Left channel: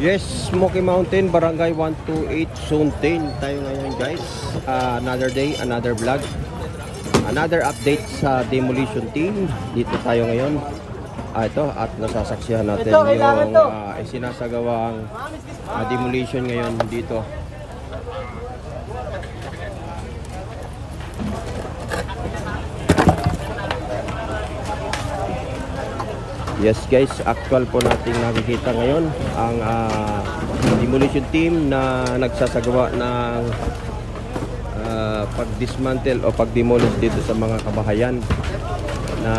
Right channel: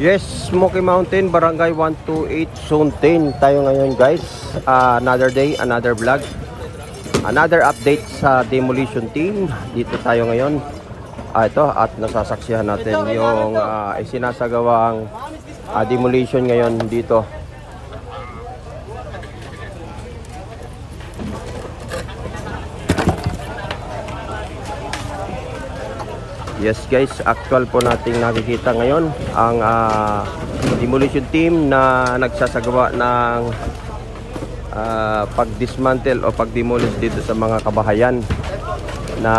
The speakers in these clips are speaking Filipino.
Yes, Smoky Mountain, Barangay 128, Zone 10 tayo ngayon guys. Another day, another vlog. Another update sa demolition team. Dito tayo ngayon. Ito, at nasasaksihan natin yung sinasagawang demolition ngayon dito. Yes guys, actual po nating nakikita ngayon ang demolition team na nagsasagawa ng pag-dismantle o pag-demolish dito sa mga kabahayan na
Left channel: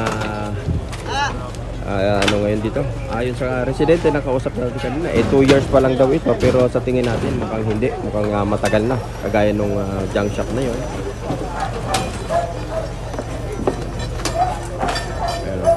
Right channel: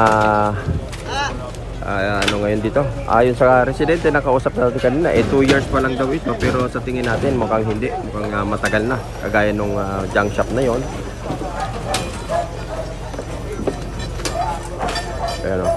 ano ngayon dito. Ayon sa residente na kausap natin kanina, 2 years pa lang daw ito, pero sa tingin natin mukhang hindi, mukhang matagal na, kagaya nung junk shop na yon. Pero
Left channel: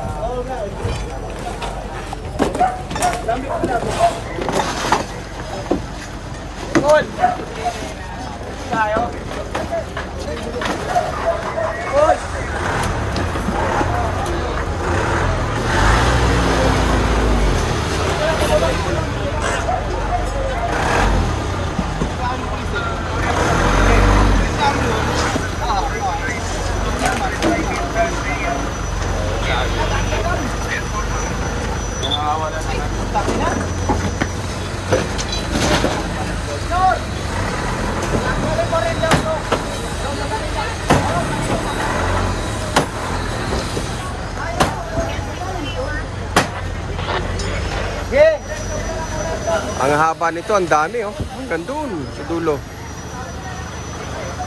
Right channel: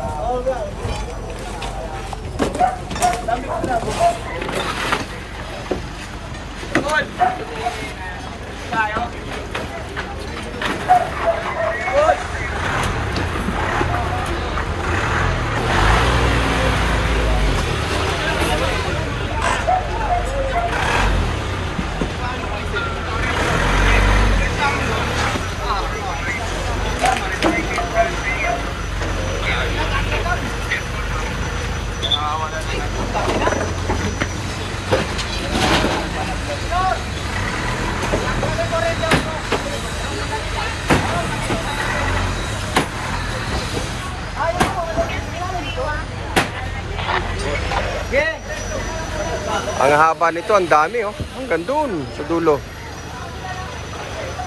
ang haba nito, ang dami oh, hanggang doon sa dulo.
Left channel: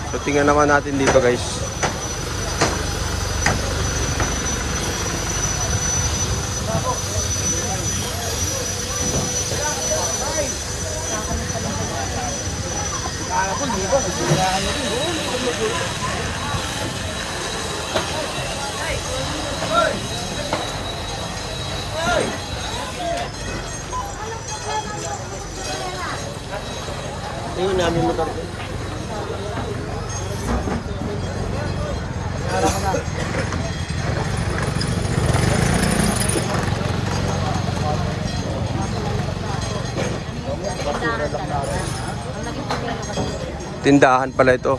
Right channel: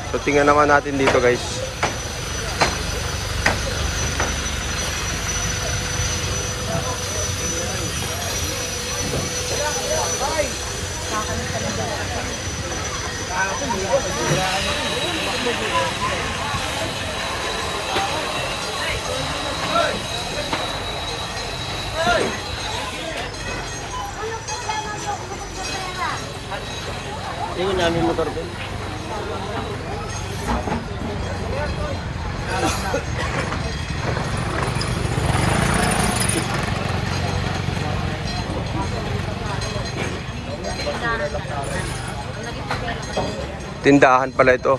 So tingnan naman natin dito guys. Ini namin mo kami. Tindahan pala ito.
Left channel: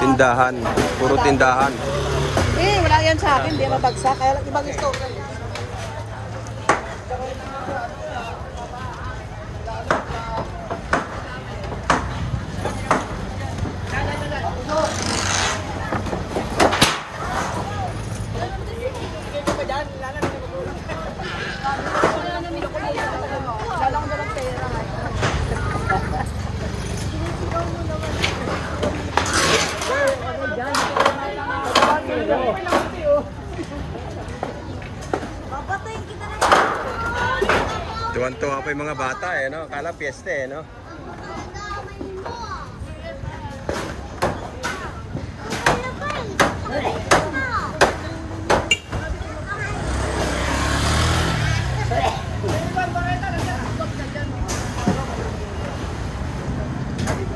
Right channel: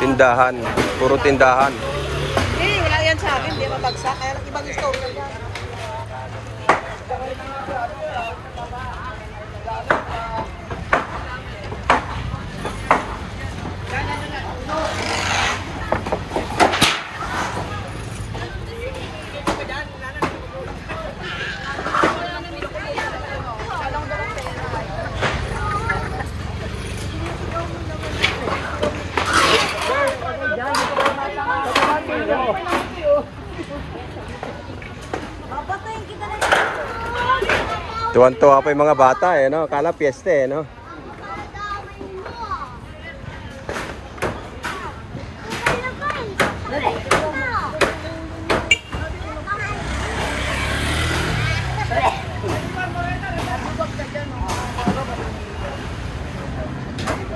Tindahan, puro tindahan. Hindi mabagsak, kaya lang ibang istorya dyan. Tuwan-tuwa pa yung mga bata eh, no? Kala piyesta eh, no?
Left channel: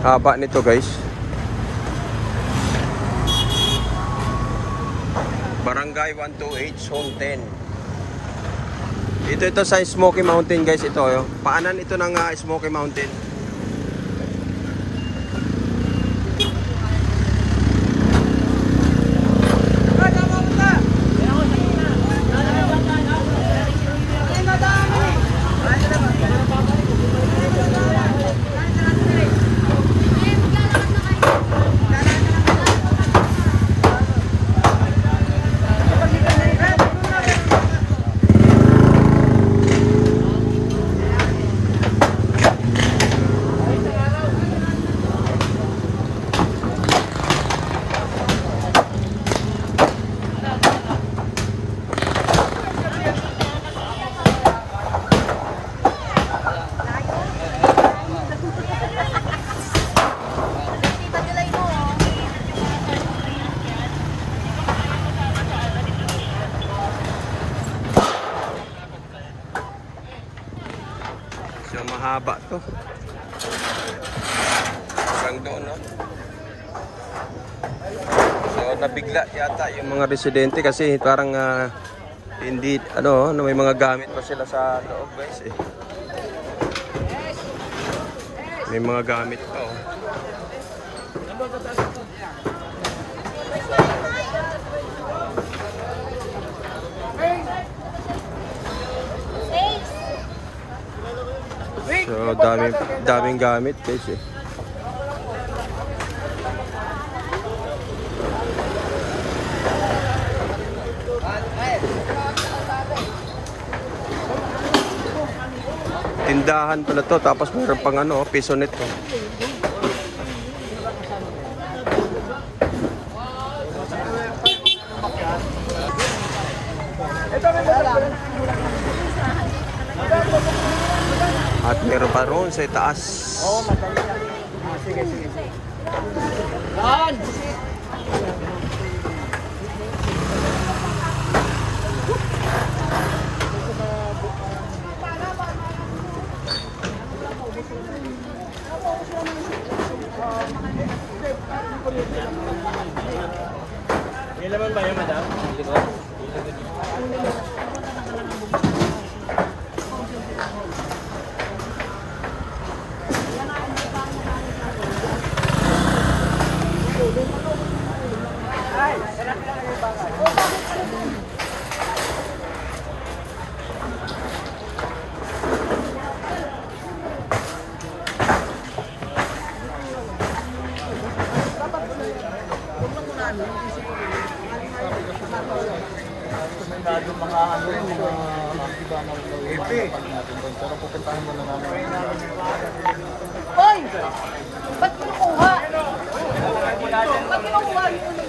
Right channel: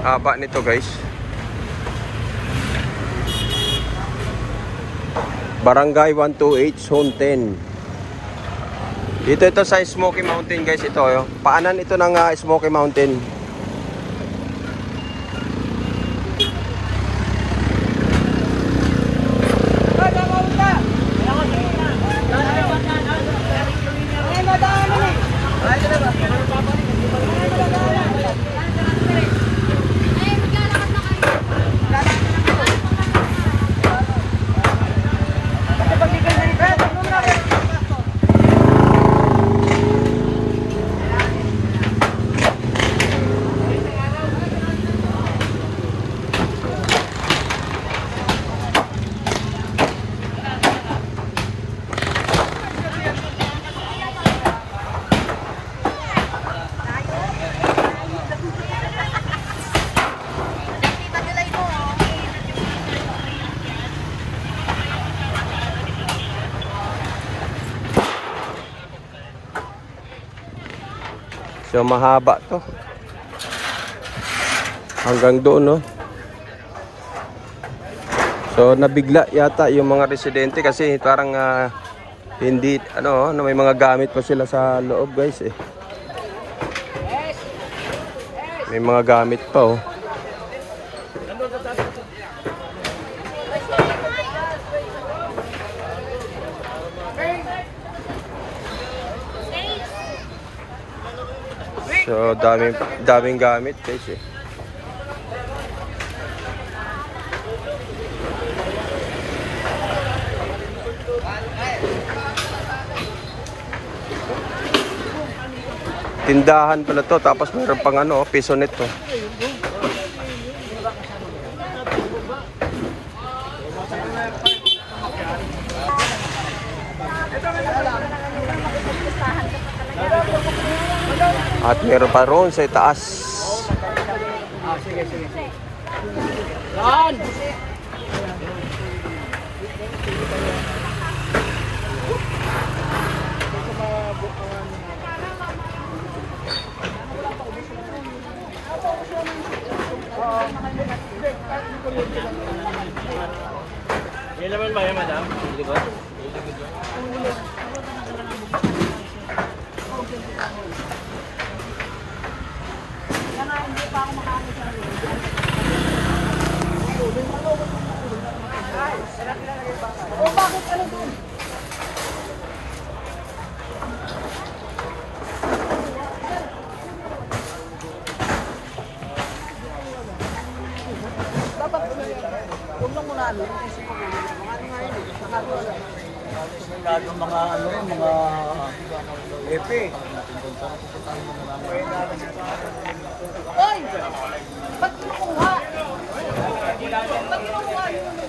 Haba nito guys. Barangay 128, Zone 10. Ito sa Smoky Mountain guys, ito oh. Paanan ito ng Smoky Mountain. So mahaba to. Hanggang doon, no? So nabigla yata yung mga residente kasi parang hindi ano, may mga gamit pa sila sa loob guys eh. May mga gamit pa oh. So daming gamit guys eh. Tindahan pala to, tapos meron pang ano, piso nito. At meron pa roon sa itaas. Sige. Yan! Yan naman ba yan, madam?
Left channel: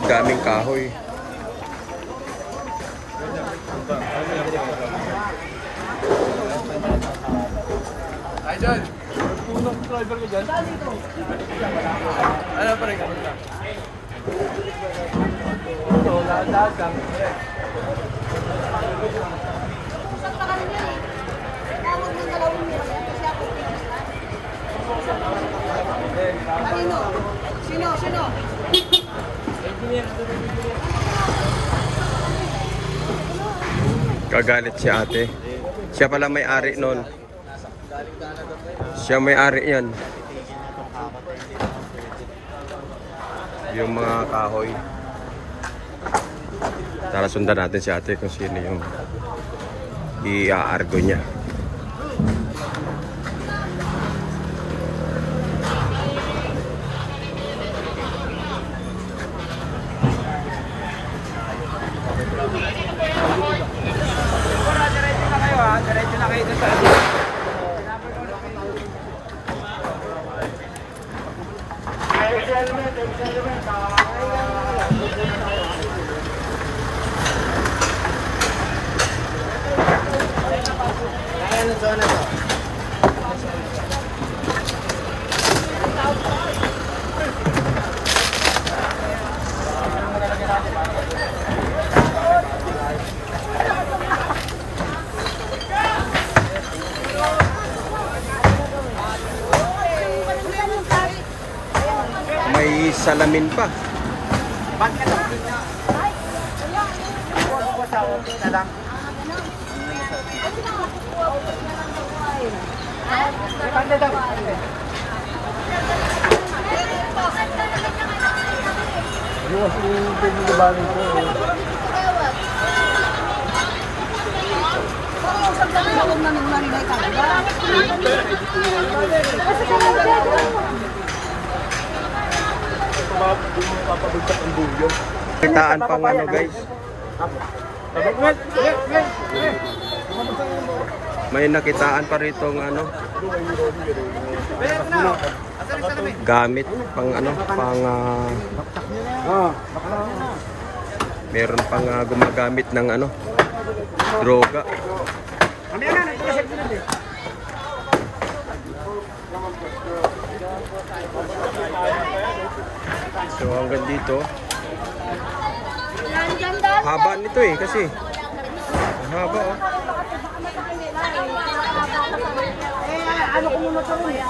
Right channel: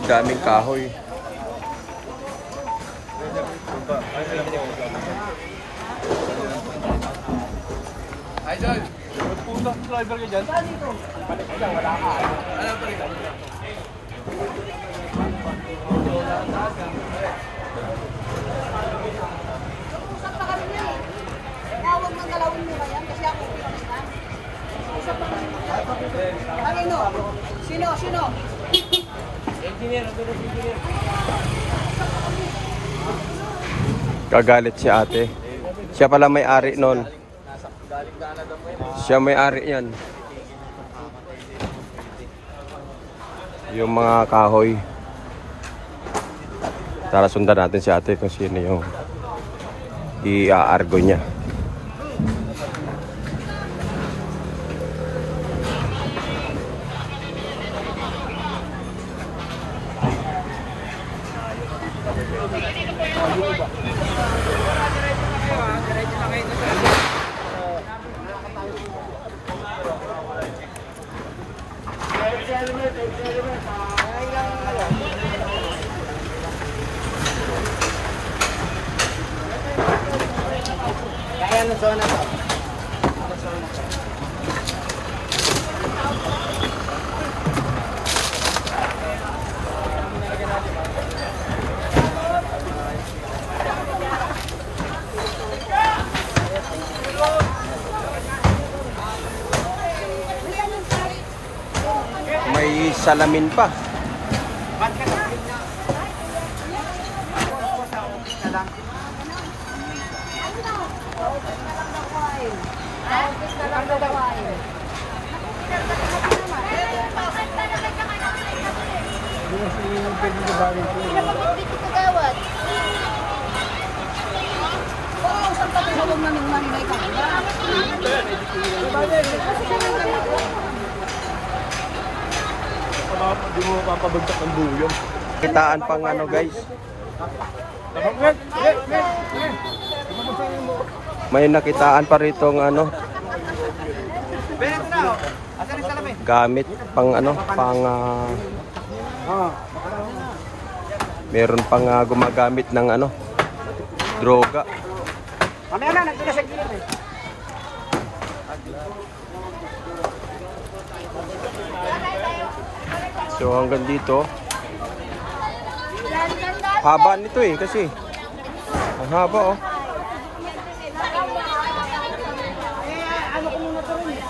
Daming kahoy. Idol! Driver ka dyan? Ano pa rin ka? Sino? Kagalit si ate. Siya pala may-ari nun. Siya may-ari yan. Yung mga kahoy. Tara sundan natin si ate kung sino yung i-aargo niya. May salamin pa. Kitaan pang ano guys. May nakitaan pa rito ng ano. Gamit pang ano, pang meron pang gumagamit ng ano, droga. So hanggang dito. Haba nito eh kasi. Ang haba oh. Ano ko muna rin?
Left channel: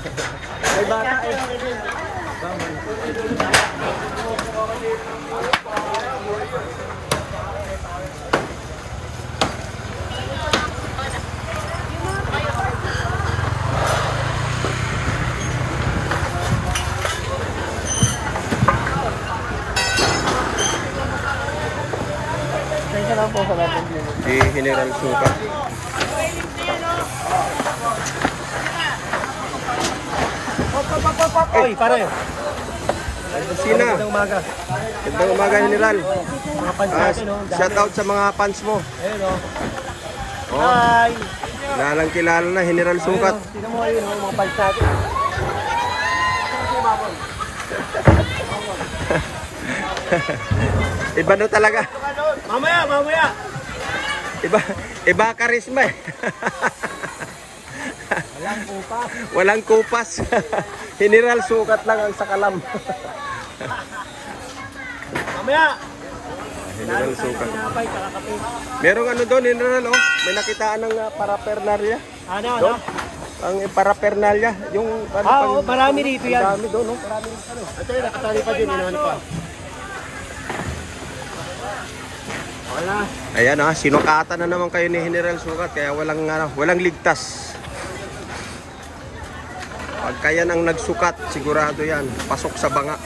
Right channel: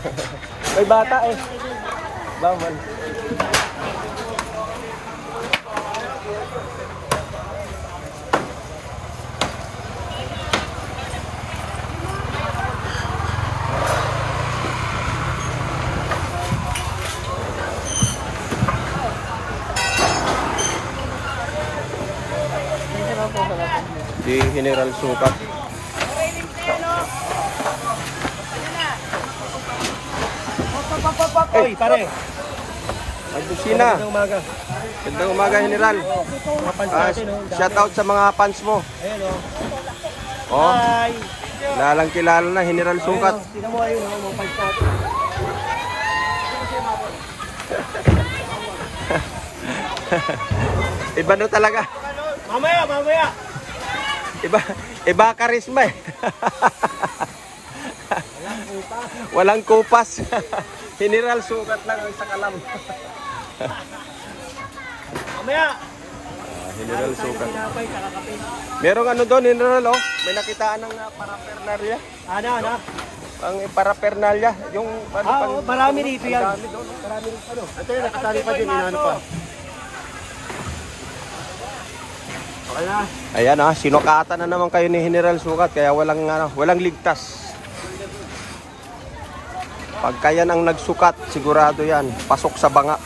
May bata eh. Bawal. Di General Sukat. Oy, pare. Ay, busina. Magandang umaga. Gandang umaga, General. Mga fans natin, oh. Shout out sa mga fans mo. Ayun, oh. Oh, Hi. kilalang kilala na, General Sukat. Ayun, oh. Tingnan mo, ayun, oh, mga fans natin. Iba na talaga. Mamaya. Iba karisma eh. Walang kupas. General Sukat lang ang sakalam. Mamaya. General Sukat. Pinapay, kakakape. Merong ano doon, General, oh. May nakitaan ng paraphernalia. Ano? Ang paraphernalia, yung Oo, marami dito yan. Marami doon, no? Marami rin ano. Ito yung nakatali pa din, inano pa. Ayan sinukatan na naman kayo ni General Sukat kaya walang ligtas. Pagka yan ang nagsukat, sigurado yan, pasok sa banga.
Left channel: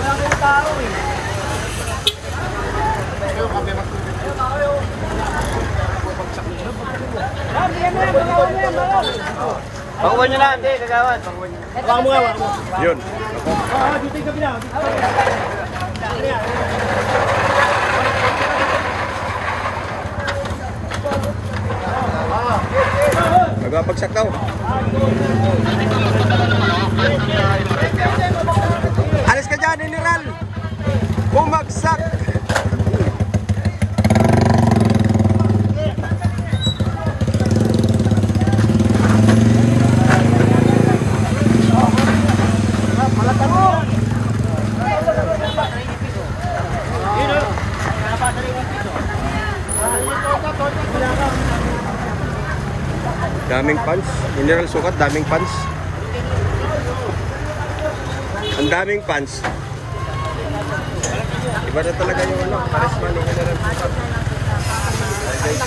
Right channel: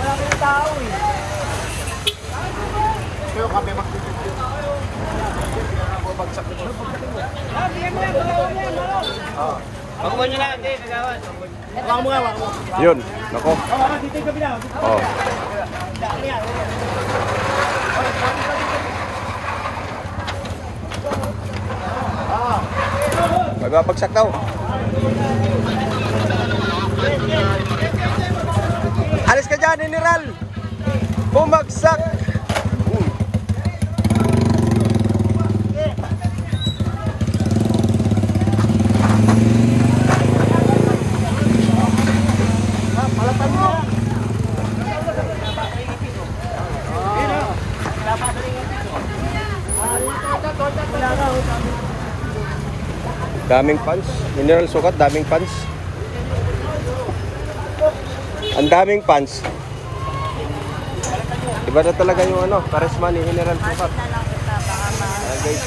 Wala kayong tao eh. Pagkuhan nyo lang, hindi, nagawad. Hawakan mo nga, hawakan mo. Yun, nako. Oo, dito yung kabila. Oh. Magbabagsak daw. Alis ka dyan, General. Bumagsak. Daming fans. General Sukat, daming fans. Ang daming fans. Iba na talaga yung charisma ni General Sukat. Guys.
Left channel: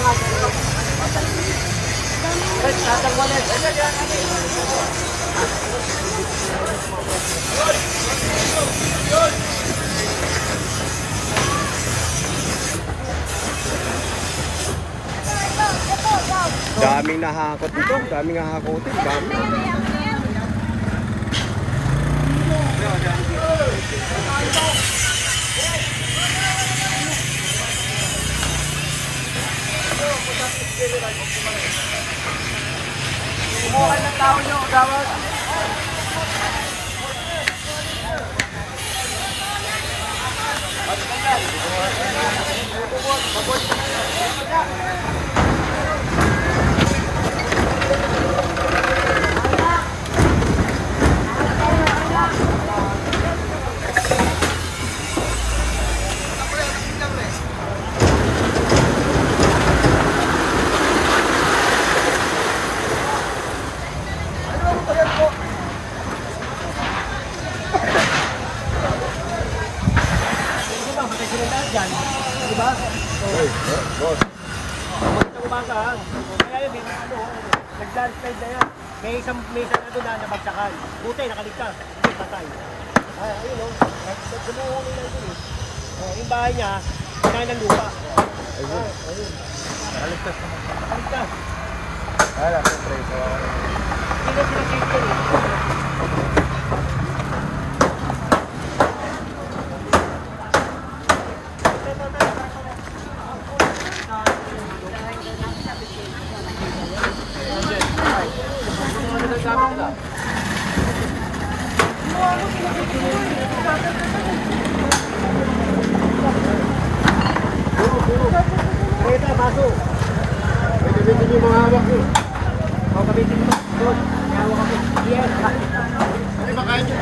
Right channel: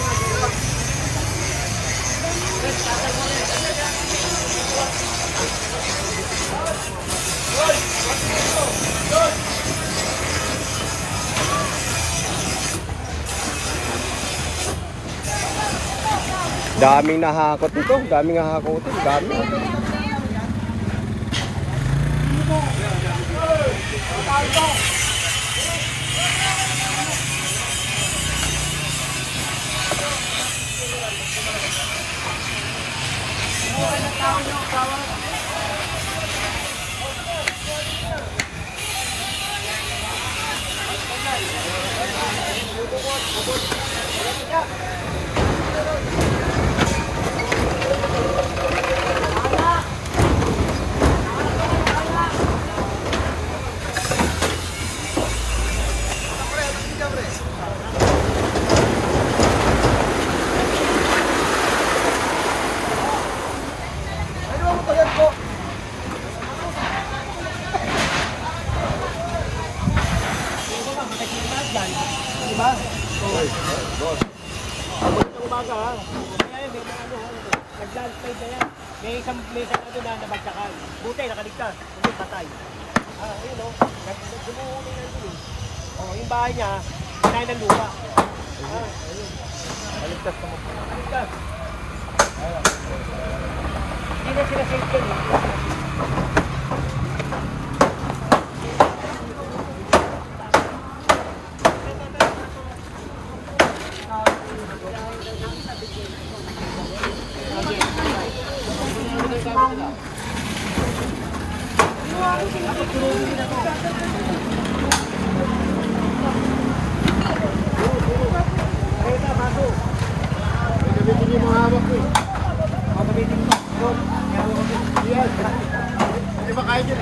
Daming nahakot dito, daming nahakotin, dami. Kumuha ng tao nyo, gawad. Diba? Magandang umaga ha. Kaya yun, may mga nag-landslide na yan. May isang doon na nabagsakan. Buti, nakaligtas. Hindi, patay. Ayun o. Gumuhuli na yun eh. Yung bahay niya, kinain ng lupa. Ayun. Nakaligtas naman. Nakaligtas. Hindi na sila safe yan eh. Reta, baso. Gamitin yung mga hawak ko. Gamitin mo. Good. May hawak ako. Yes. Ay, makain yun.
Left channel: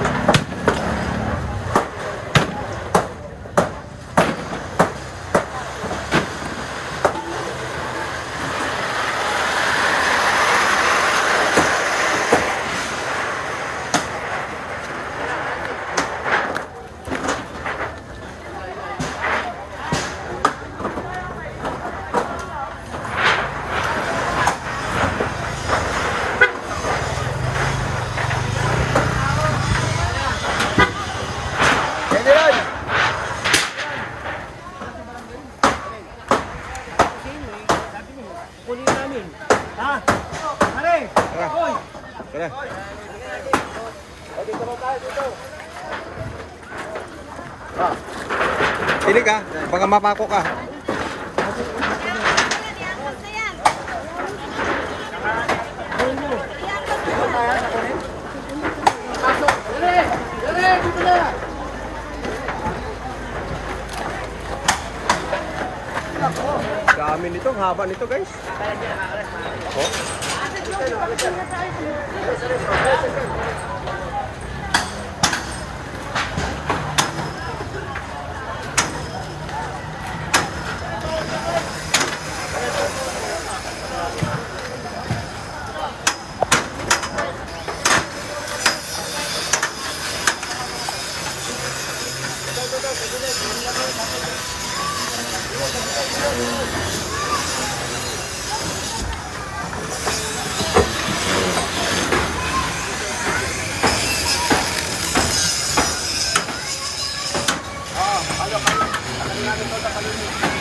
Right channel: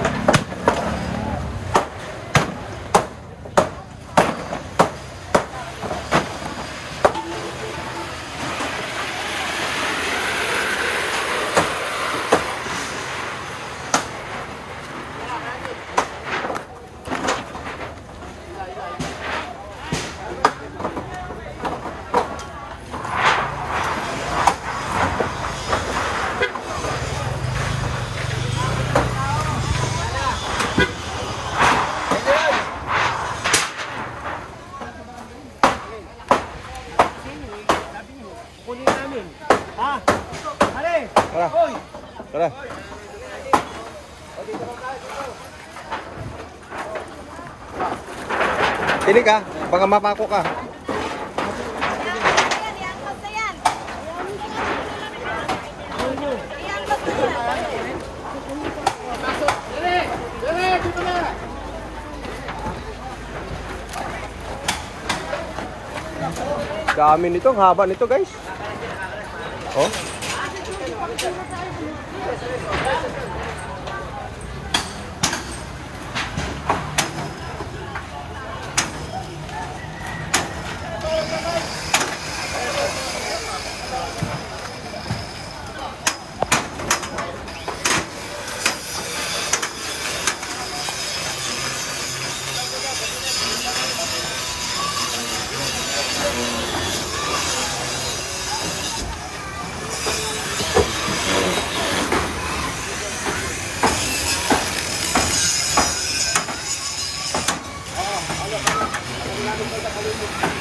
Kunin namin. Ha? Pare! Tara. Hoy! Tara. Pili ka, baka mapako ka. Kunin nyo. Pasok! Dere! Dere! Dito na! Dami nito, ang haba nito guys. Oh. Ano namin ito sa palunin.